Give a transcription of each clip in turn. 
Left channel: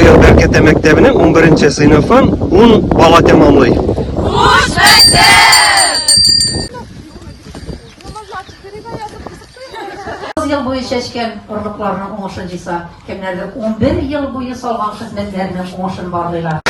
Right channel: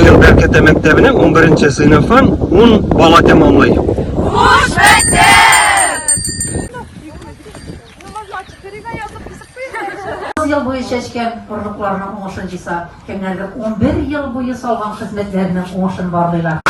Bıyıl Berkete Mektebi'nin 11. sınıfın 10 bala tamamlayı. Hoş mektep! Yıl boyu seçken kuruluklarının oğuşuncuysa, kimlerdir 11 yıl boyu salgan hizmetlerinin oğuşun varlığıyla.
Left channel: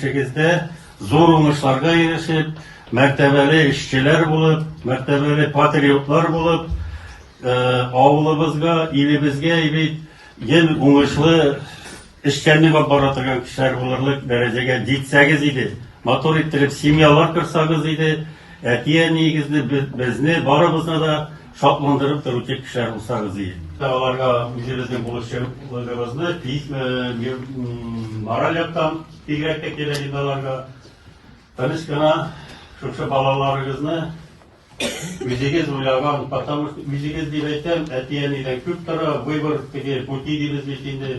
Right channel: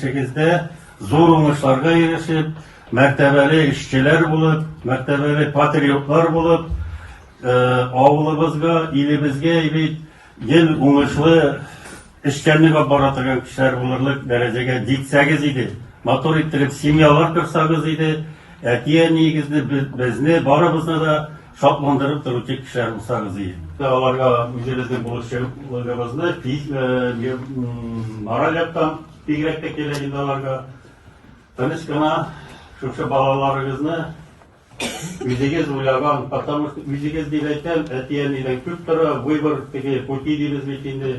Şekilde zor uğraşlarga erişip, mertebeli işçiler bulup, mertebeli patriotlar bulup, avlımızga, ilimizge yeni uğraşlı işçenlik baratırgan kişiler bulurluk derecege jitsagız idi. Motor ettirip simyalar kırsagız idi. Etiye negizli bizni barımızda da şartlandırıp duracak kişiler bulsagız idi. Alarga bizimizin buluşlarımızda moralyaptan Tigrek'te geleceğinlerge tanışkana şu balalarınızı müziğiz uyargan patamış müziğiz dileten etiyen ile kültürü выбор gibi pути diliz bitinde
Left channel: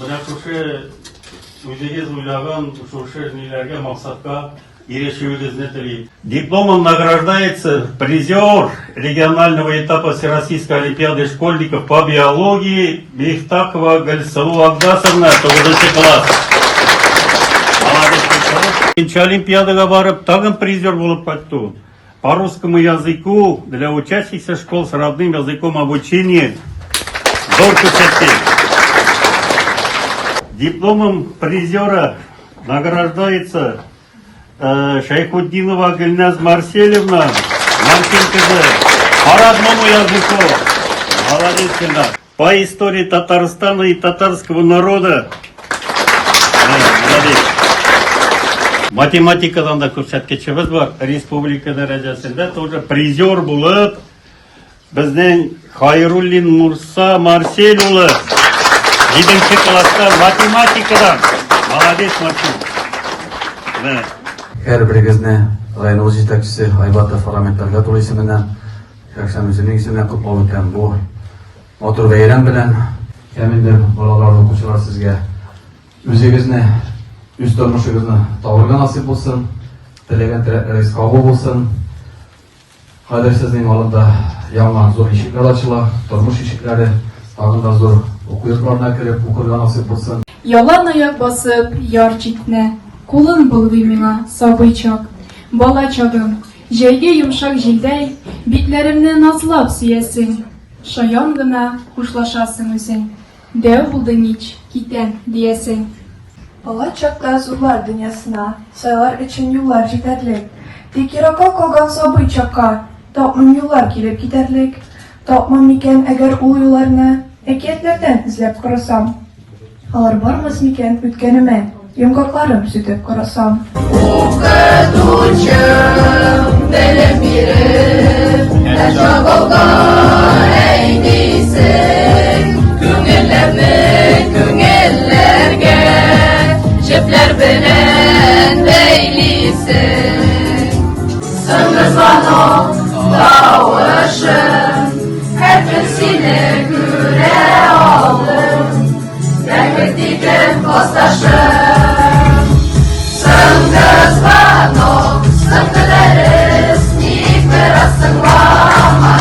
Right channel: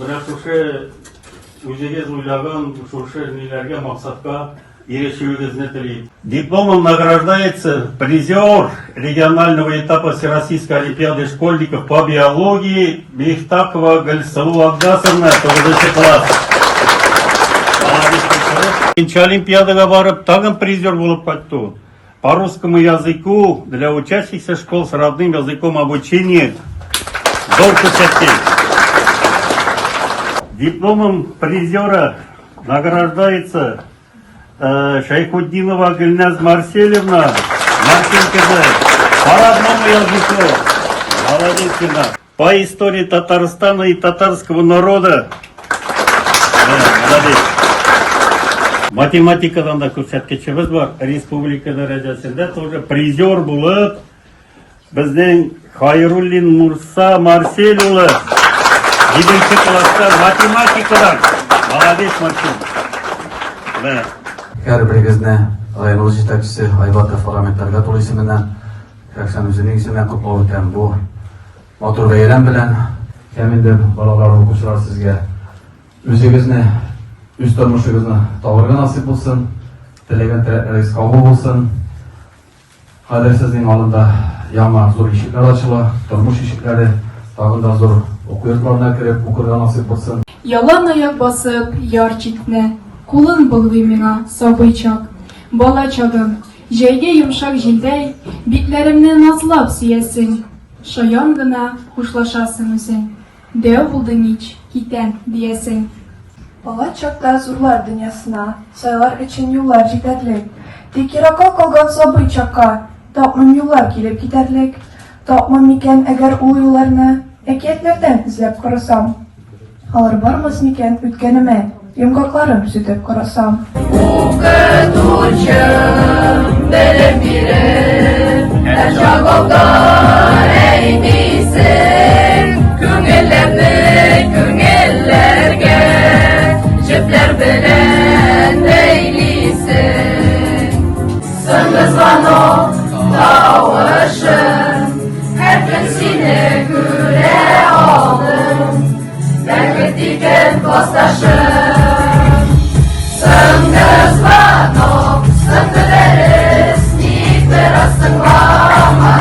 bırak şu müziğiz uyargan şu nelerge maksatka erişiyoruz ne teli. Дипломом награждается призер регионального этапа Всероссийской олимпиады школьников по биологии Бехтакова Гальсалу Агдасовна, 9 класс. Олимпиадага барып, тагын призер болып қайтты. По русскому языку для учащихся школ с родным языком обучения зор көрсеткен. Дипломом призера награждается Шайхуддинова Гульназ Марселевна, Марченкова, по родному языку. Молодец, по истории Татарстана и татарского народа. Молодец. Математикадан да көрсеткечибиз бар. Республика дәрәҗәсендә тоже призер булып, безнең Хайруллин Мурса Марсель улы 7-нче класста математикадан. Молодец, Марсель. Her birigizne rayonimiz yetakchisi Aybatov parlamentarlar to'g'ri ismidan shaxsan o'zining ismidan qutlab o'taman. Bu motor bayram bilan kamida bolalar o'quvchilar sizga o'zingizni üst turmushingizni to'g'riga nasib bo'lsin, tilagan tilaklaringiz qabul bo'lsin. Hozir sizning oldida yangi zo'r eshiklar ochildi, turmush eshiklari, tag'in zo'r o'quv yurtlarına kirib o'qirga nasib bo'lsin. Yalan ayak basıp yar çitne, kulun buldu mina sabıyçak. Bala çagım, jeyge yumuşak jildey, bitlerimne nazlap siyesin. Şayan gına kuşlaşasın özün. Dev buldun hiç, giten diyesin. Bala çaklar zorlar dünyasına, sayılar için yollar giderlik. Tekiraka kalgan sabıyçaka, tapmam yollar gelip giderlik. Tapmam miken eğer o yollarını ekiyetlerden izlep karasam. Alır barmız miken ütkenime, yumgaklarım sütüp karasam. Okuduşum benim birim, el çakalda eğdisin. Küngellerini küngellerge, çipler bilen eylisin. Sınız bana davışın, her gün seni güre aldım. Gelmek diken kostaşım. Sınız bana, sınırız, nik verasın ramadım.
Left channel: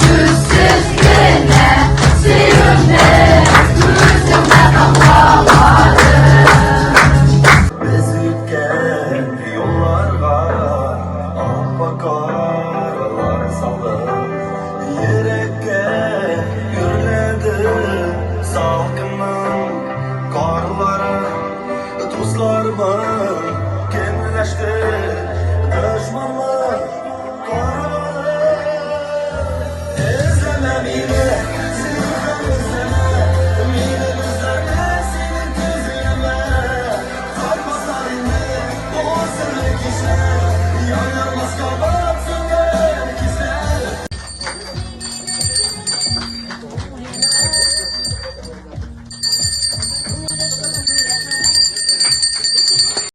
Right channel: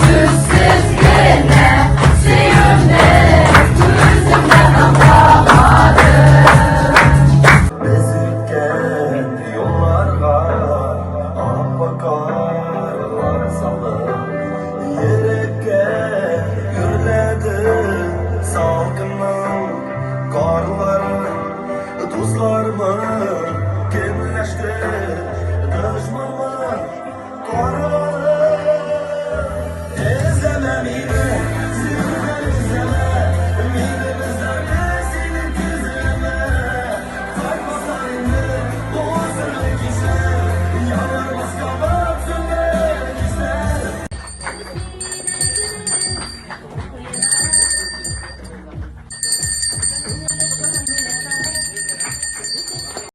Süssüz Mire